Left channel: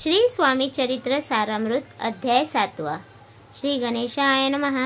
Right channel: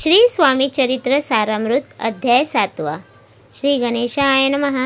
श्री स्वामी चरित्र सारामृत अध्याय 7। श्री गणेशाय नमः।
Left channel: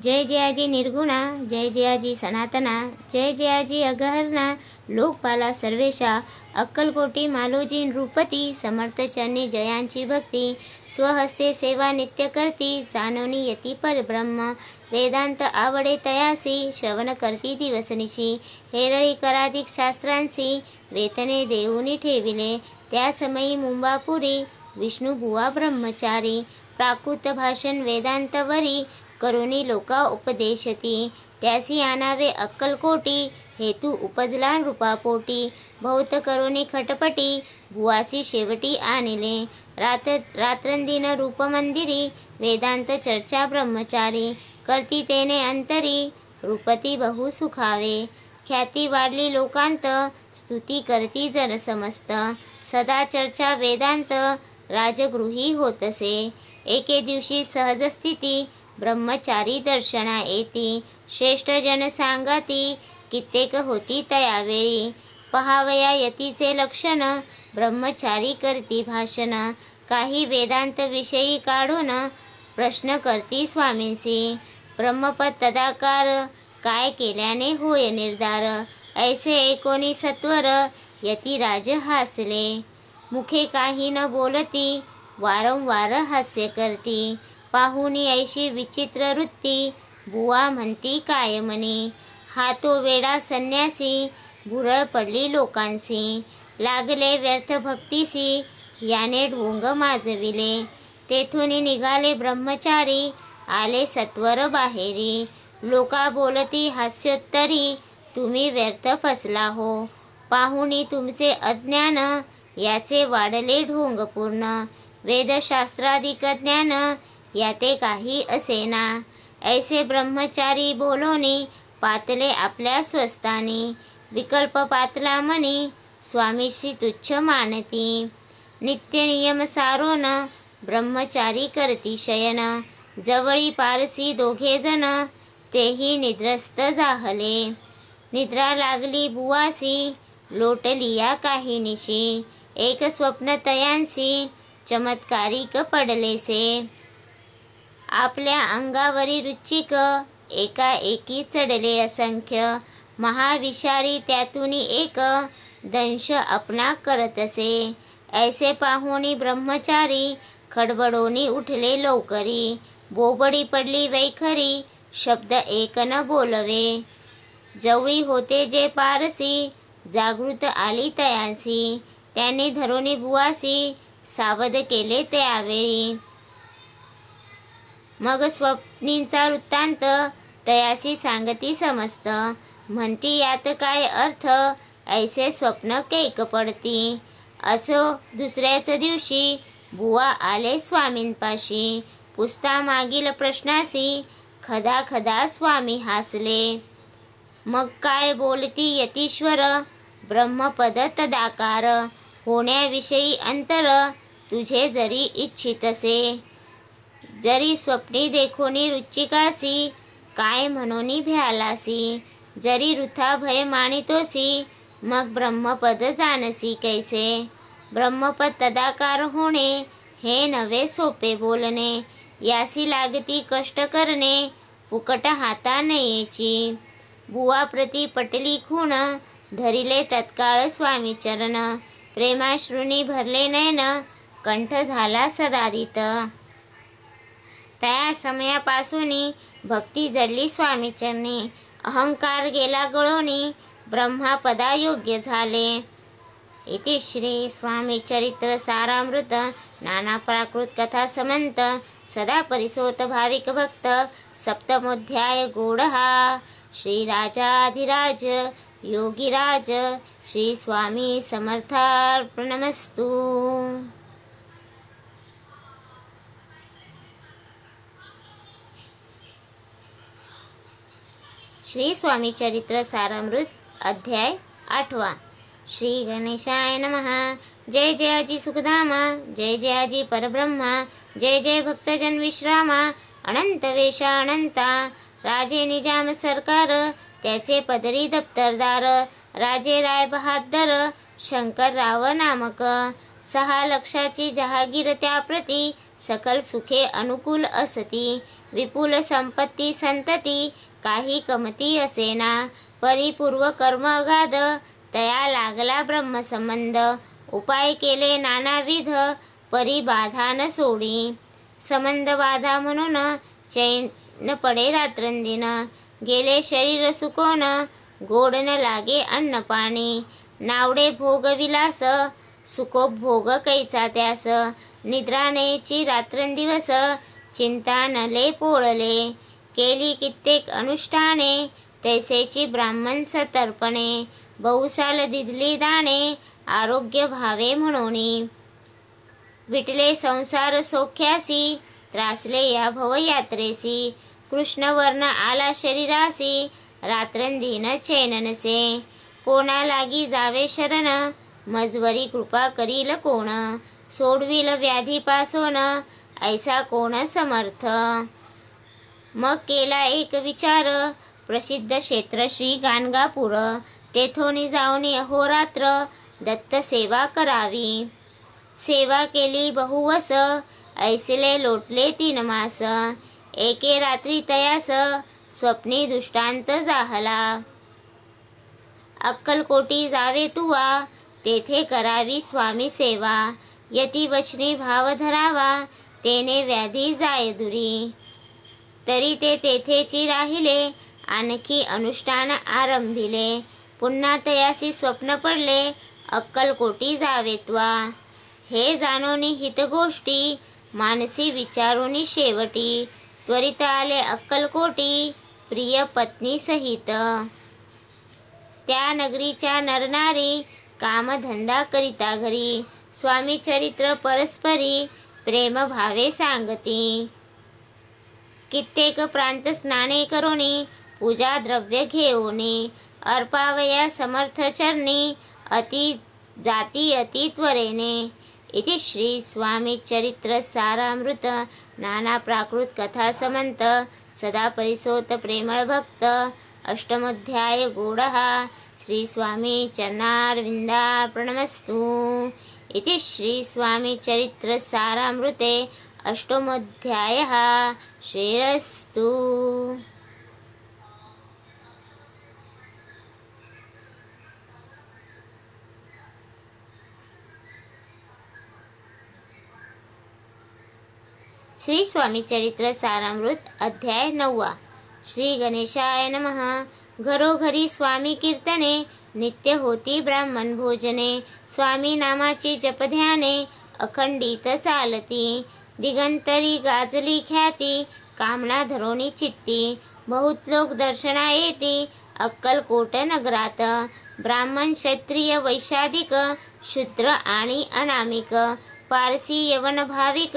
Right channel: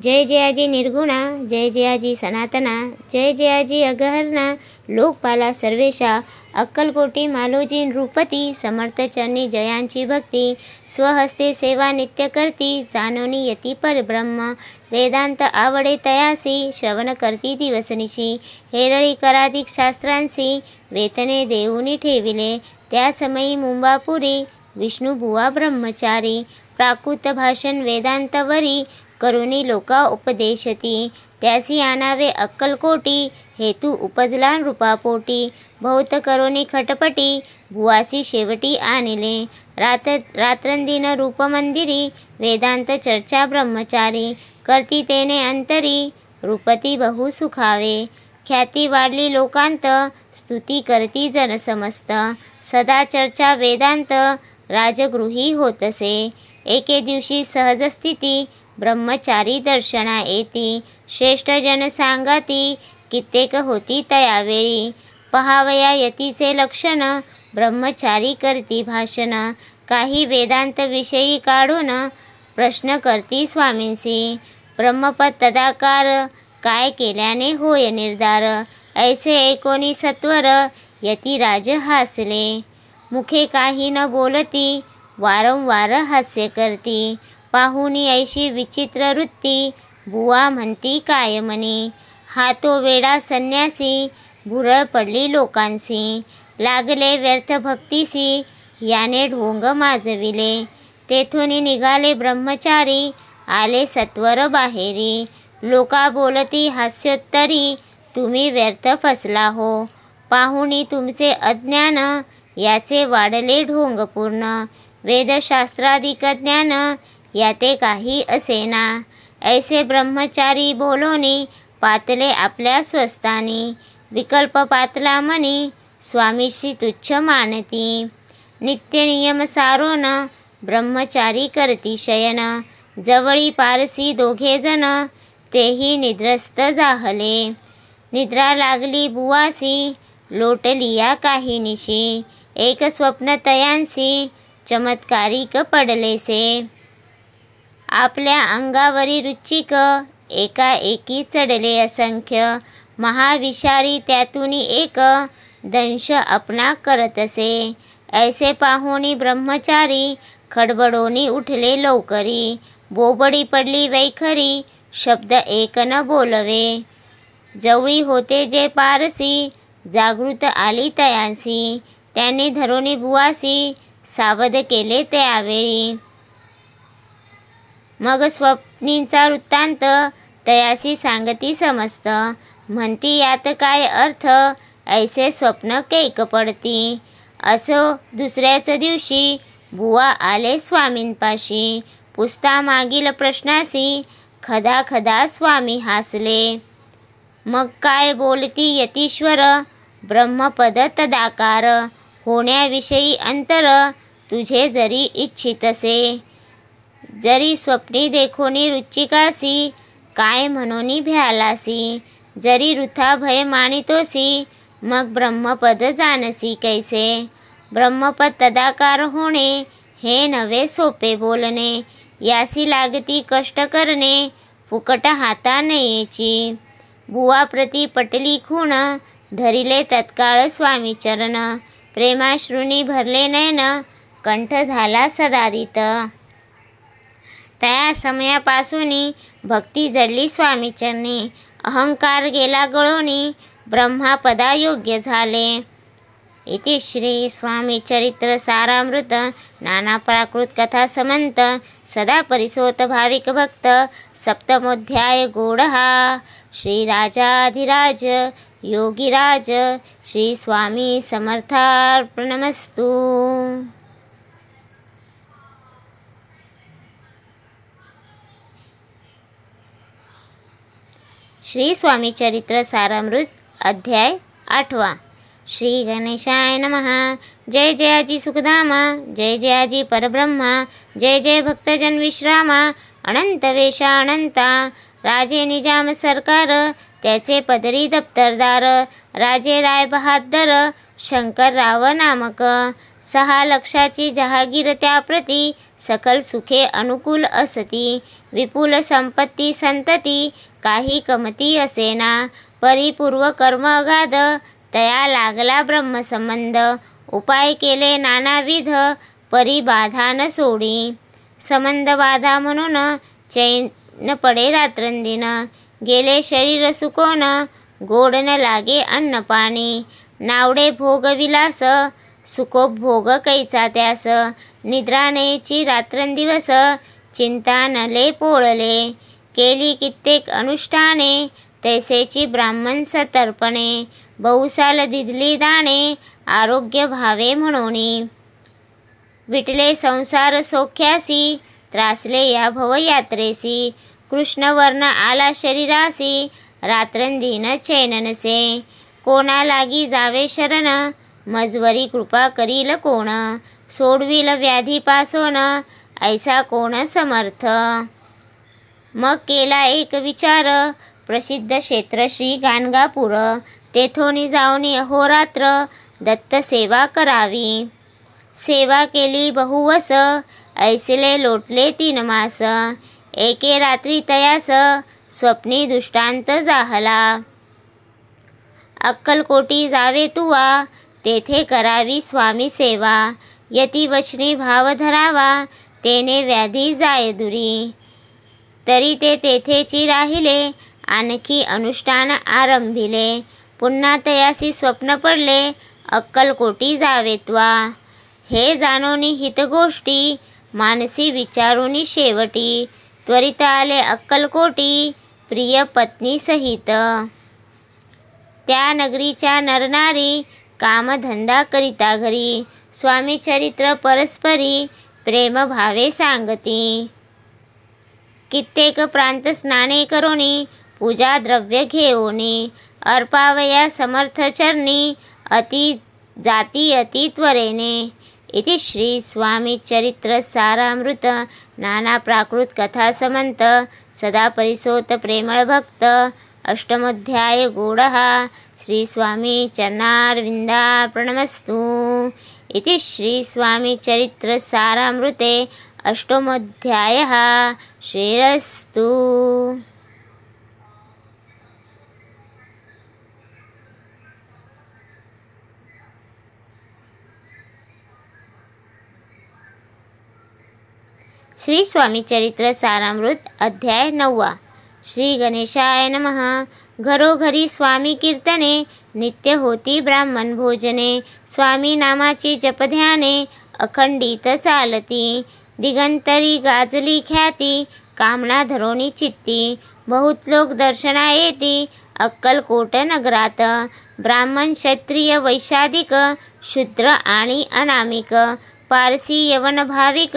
जय जयाजी निर्गुणा, जय जयाजी सनातना, जय जयाजी अगहरणा, लोकपाला सर्वेशा, अक्कलकोटी मालोजी नृपती, समर्थ चरणी जयांची भक्ती, स्वहस्ते सेवा नित्य करती, जाणोनी यती परब्रह्म, वेदांत आवडे तयासी, श्रवण करती दिवसनिशी, हेरळी कराधिक शास्त्रांसी, वेतने देऊनी ठेविले, त्या समयी मुंबापुरी, विष्णुबुवा ब्रह्मचारी, प्राकृत भाषण वेदांतवरी, करुणी लोका उपदेशती, त्यासी आणावे अक्कलकोटी, हेतू उपजला नृपापोटी, बहुत करुणी खटपटी, बुवासी शेवटी आणिले, रात्रंदिन रूपमंदिरी, वेदांत चर्चा ब्रह्मचारी, करती तेने अंतरी, रूपती बहु सुखावे, ख्याती वाढली लोकांत, स्तुती करती जन समस्त, सदा चर्चा वेदांत, राजगृही होतसे, एके दिवशी सहज स्थिती, ब्रह्मचारी दर्शना येती, श्रेष्ठ जन सांगाती, कित्येक होती तयावेळी, पहावया यतीचे लक्षण, ब्रह्मचारी करती भाषण, काही वेदांत विषयी काढून, प्रश्न करती स्वामींसी, ब्रह्मपद तदाकार, काय केल्याने होय निर्धार, ऐसे ऐकोनी सत्वर, यतिराज हासले, मुखे काही न बोलती, वारंवार हास्य करती, पाहुनी ऐशी विचित्र वृत्ती, बुवा म्हणती काय म्हणी, हा तो वेडा संन्यासी, भुरळ पडली लोकांसी, लागले व्यर्थ भक्तीसी, याने ढोंग माजविले, तेथून निघाले ब्रह्मचारी, आले सत्वर बाहेरी, लोका बोलती हास्योत्तरी, तुम्ही व्यर्थ फसला हो, पाहुनी तुमचे अज्ञान, याचे वाढले ढोंग पूर्ण, वेदशास्त्राधिक ज्ञान, याते काही असेना, ऐसे ब्रह्मचारी बोलोनी, पातले आपल्या स्वस्थानी, विकल्प पातला मनी, स्वामीशी तुच्छ मानती, नित्य नियम सारोन, ब्रह्मचारी करती शयन, जवळी पारसी दोघे जण, तेही निद्रस्त जाहले, निद्रा लागली बुवासी, लोटलिया काही निशी, एक स्वप्न तयांसी, चमत्कारिक पडलेसे, आपल्या अंगावरी रुचिक, एकाएकी चढले असंख्य, महाविषारी त्यातून एक, दंश अपना करतसे, ऐसे पाहुनी ब्रह्मचारी, खडबडोनी उठले लवकरी, बोबडी पडली वैखरी, शब्द एक न बोलवे, जवळी होते जे पारसी, जागृत आली तयांसी, त्याने धरोनी बुवासी, सावध केले त्यावेळी, मग स्वप्नींचा वृत्तांत, तयासी सांगती समस्त, म्हणती यात काय अर्थ, ऐसे स्वप्न कैक पडती, असो दुसऱ्याच दिवशी, बुवा आले स्वामींपाशी, पुसता मागील प्रश्नासी, खदा खदा स्वामी हासले, मग काय बोलती यतीश्वर, ब्रह्मपद तदाकार, होण्याविषयी अंतर, तुझे जरी इच्छितसे, जरी स्वप्नी देखोनी रुचिकासी, काय म्हणूनी भ्यालासी, जरी वृथा भय मानितोसी, मग ब्रह्मपद जानसी कैसे, ब्रह्मपद तदाकार होणे, हे नवे सोपे बोलणे, यासी लागती कष्ट करणे, फुकट हाता नयेची, बुवा प्रति पटली खूण, धरिले तत्काळ स्वामी चरण, प्रेमाश्रुनी भरले नयन, कंठ झाला सदादित, त्या समयापासूनी भक्ती जडली स्वामी चरणी, अहंकार गेला गळोनी, ब्रह्मापदा योग्य झाले. इति श्री स्वामी चरित्र सारामृत नाना प्राकृत कथा समंत सदा परिसोत भाविक भक्त सप्तमोध्याय गूढहा. श्री राजाधिराज योगीराज श्री स्वामी समर्थार्पणमस्तु. श्री स्वामी चरित्र सारामृत अध्याय 8. श्री गणेशाय नमः. जय जयाजी सुखधामा, जय जयाजी परब्रह्मा, जय जय भक्तजन विश्रामा, अनंत वेशा अनंता, राजे निजाम सरकार, त्याचे पदरी दप्तरदार, राजे राय बहादर, शंकरराव नामक, 6 लक्षाची जहागीर त्याप्रती सकल सुखे अनुकूल असती. विपुल संपत्ती संतती काही कमती असेना. परिपूर्व कर्म अगाध तया लागला ब्रह्मसंबंध. उपाय केले नानाविध परी बाधा न सोडी. संबंध बाधा म्हणून चैन पडे रात्रंदिन. गेले शरीर सुकोन गोड न लागे अन्न पाणी. नावडे भोग विलास सुखोपभोग कैचा त्यास. निद्रा नयेची रात्रंदिवस चिंता नले पोळले. केली कित्येक अनुष्ठाने तैसेची ब्राह्मण सतर्पणे. बहुसाल दिधली दाणे आरोग्य भावे म्हणोनी. विटले संसार सौख्यासी त्रासले या भवयात्रेसी. कृष्णवर्ण आला शरीरासी रात्रंदिन चैन नसे. कोणा लागी जावे शरण मजवरी कृपा करील कोण. सोडविल व्याधी पासोन ऐसा कोण समर्थ. मग केला एक विचार प्रसिद्ध क्षेत्र श्री गाणगापूर. तेथोनी जाऊनी अहोरात्र दत्त सेवा करावी. सेवा केली बहुवस ऐसले लोटले 3 मास. एके रात्री तयास स्वप्नी दृष्टांत जाहला. अक्कलकोटी जावे तुवा तेथे करावी स्वामी सेवा. यती वचनी भाव धरावा तेने व्याधी जाय दुरी. तरी ते तेथेची राहिले आणखी अनुष्ठान आरंभिले. पुन्हा तयासी स्वप्न पडले अक्कलकोटी जावेत्वा. हे जाणोनी हित गोष्टी मानसी विचारुनी शेवटी. त्वरित आले अक्कलकोटी प्रिय पत्नी सहित. त्या नगरीच्या नरनारी कामधंदा करिता घरी. स्वामी चरित्र परस्परी प्रेम भावे सांगती. कित्येक प्रांत स्नाने करोनी पूजा द्रव्य घेऊनी. अर्पावया समर्थ चरणी अति जाती अति त्वरेने. इति श्री स्वामी चरित्र सारामृत नाना प्राकृत कथा समंत सदा परिसोत प्रेमळ भक्त. अष्टमोध्याय गूढः. श्री स्वामी चरणारविंदार्पणमस्तु. इति श्री स्वामी चरित्र सारामृते अष्टमोध्यायः. श्रीरस्तु. श्री स्वामी चरित्र सारामृत अध्याय 9. श्री गणेशाय नमः. घरोघरी स्वामी कीर्तने नित्य होती ब्राह्मण भोजने. स्वामी नामाची जपध्याने अखंडित चालती. दिगंतरी गाजली ख्याती कामना धरोनी चित्ती. बहुत लोक दर्शना येती अक्कलकोट नगरात. ब्राह्मण क्षत्रिय वैशादिक शूद्र आणि अनामिक पारसी यवन भाविक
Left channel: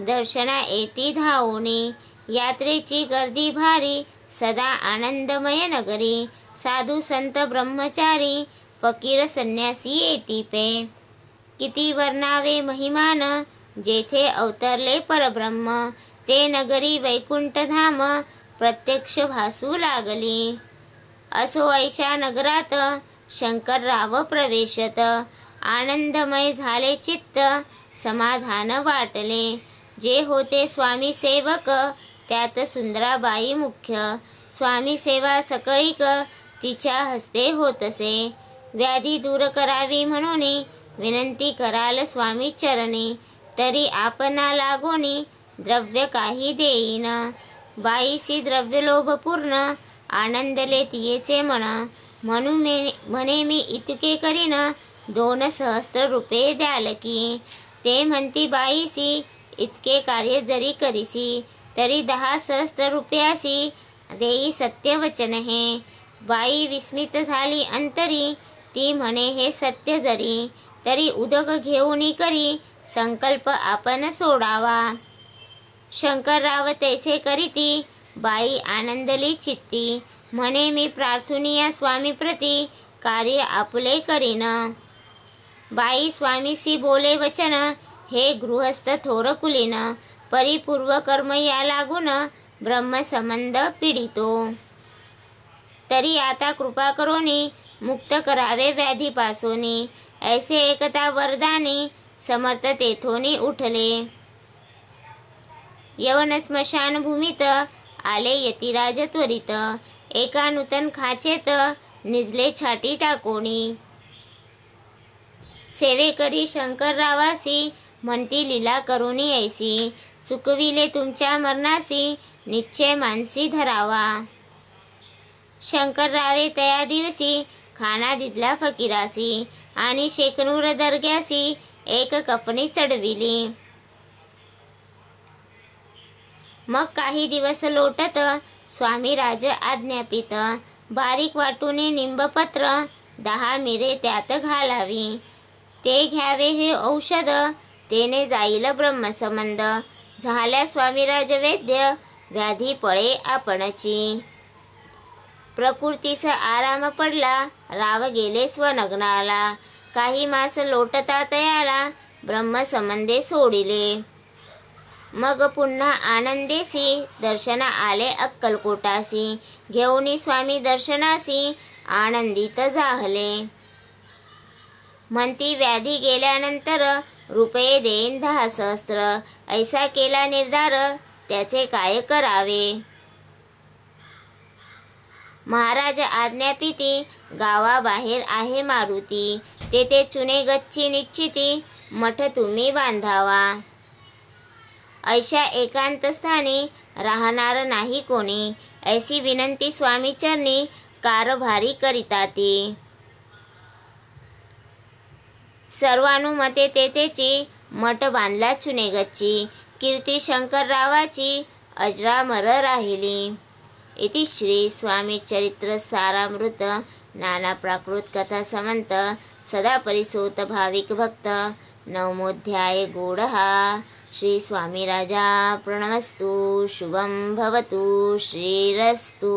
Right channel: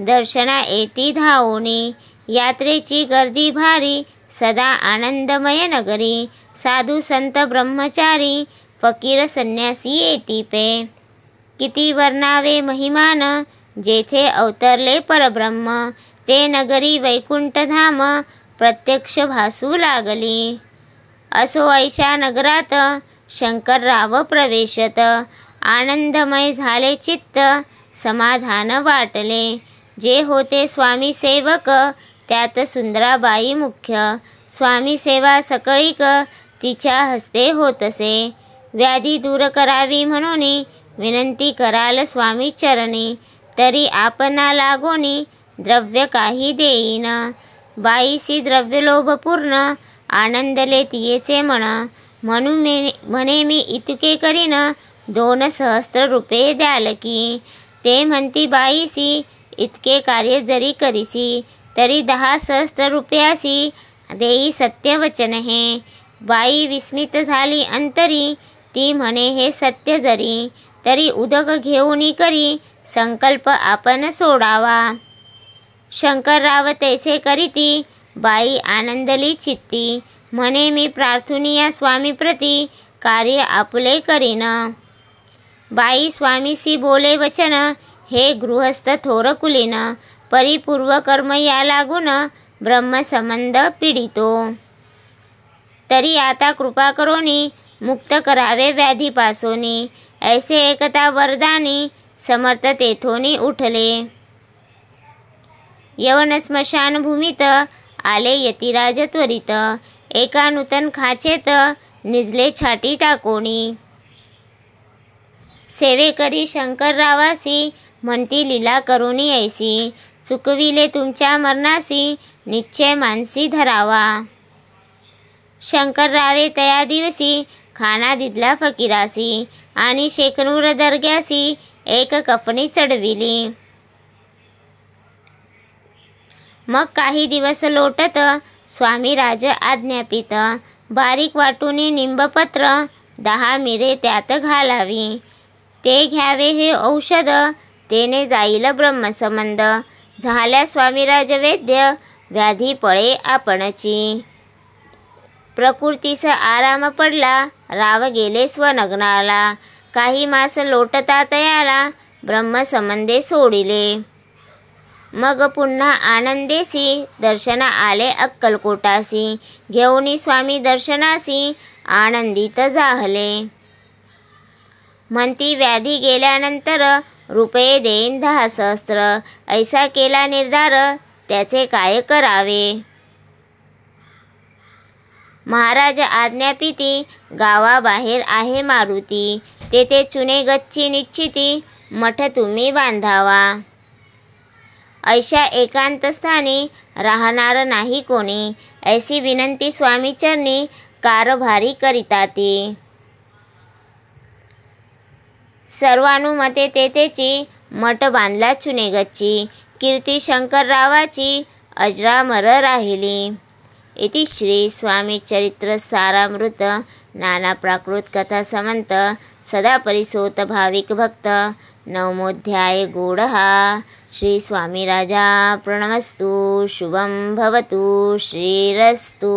दर्शना येती धावोनी. यात्रेची गर्दी भारी सदा आनंदमय नगरी. साधू संत ब्रह्मचारी फकीर संन्यासी येती पे. किती वर्णावे महिमान जेथे अवतरले परब्रह्म. ते नगरी वैकुंठ धाम प्रत्यक्ष भासू लागली. असो ऐशा नगरात शंकरराव प्रवेशत. आनंदमय झाले चित्त समाधान वाटले. जे होते स्वामी सेवक त्यात सुंदराबाई मुख्य. स्वामी सेवा सकळीक तिच्या हस्ते होतसे. व्याधी दूर करावी म्हणून विनंती कराल स्वामी चरणी. तरी आपणा लागोनी द्रव्य काही देईन. बाईसी द्रव्य लोभपूर्ण आनंदले तियेचे मन. म्हणून म्हणे मी इतके करीन 2 सहस्त्र रुपये द्याल की. ते म्हणती बाईसी इतके कार्य जरी करीसी तरी 10 सहस्त्र रुपयासी देई सत्यवचन हे. बाई विस्मित झाली अंतरी. ती म्हणे हे सत्य जरी. तरी उदक घेऊनी करी संकल्प आपण सोडावा. शंकरराव तैसे करीती. बाई आनंदली चित्ती. म्हणे मी प्रार्थुनिया स्वामी प्रती कार्य आपुले करीन. बाई स्वामीसी बोले वचन हे गृहस्थ थोर कुलीन. परिपूर्व कर्म या लागून ब्रह्मसंबंध पीडितो. तरी आता कृपा करोनी मुक्त करावे व्याधीपासोनी. ऐसे एकता वरदानी समर्थ तेथोनी उठले. यवन स्मशानभूमीत आले यतिराज त्वरित. एका नूतन खाचेत निजले छाटी टाकोणी. सेवेकरी शंकररावासी म्हणती लीला करुणी ऐसी. चुकविले तुमच्या मरणासी निश्चय मानसी धरावा. शंकररावे तया दिवसी खाना दिदला फकीरासी. आणि शेकनूर दर्ग्यासी एक कफनी चढविली. मग काही दिवस लोटत स्वामी राज आज्ञापित. बारीक वाटूनी निंबपत्र 10 मिरे त्यात घालावी. ते घ्यावे हे औषध तेने जाईल ब्रह्मसंबंध. झाल्या स्वामीराज वैद्य व्याधी पळे आपणची. प्रकृतीस आराम पडला राव गेले स्वनग्नाला. काही मास लोटता तयाला ब्रह्मसंबंधे सोडिले. मग पुन्हा आनंदेसी दर्शन आले अक्कलकोटासी. घेऊनी स्वामी दर्शनासी आनंदित जाहले. म्हणती व्याधी गेल्यानंतर रुपये देईन 10 सहस्त्र. ऐसा केला निर्धार त्याचे काय करावे. महाराज आज्ञापिती गावाबाहेर आहे मारुती. तेथे चुने गच्ची निश्चिती मठ तुम्ही बांधावा. ऐशा एकांत स्थानी राहणार नाही कोणी. ऐसी विनंती स्वामीचरणी कारभारी करिता ती. सर्वानुमते तेथेची मठ बांधला चुने गच्ची. कीर्ती शंकररावाची अजरामर राहिली. इति श्री स्वामी चरित्र सारामृत नाना प्राकृत कथा समंत सदा परिसोत भाविक भक्त. 9मोऽध्याय गूढः. श्री स्वामीराजा प्रणमस्तु. शुभं भवतु. श्रीरस्तु.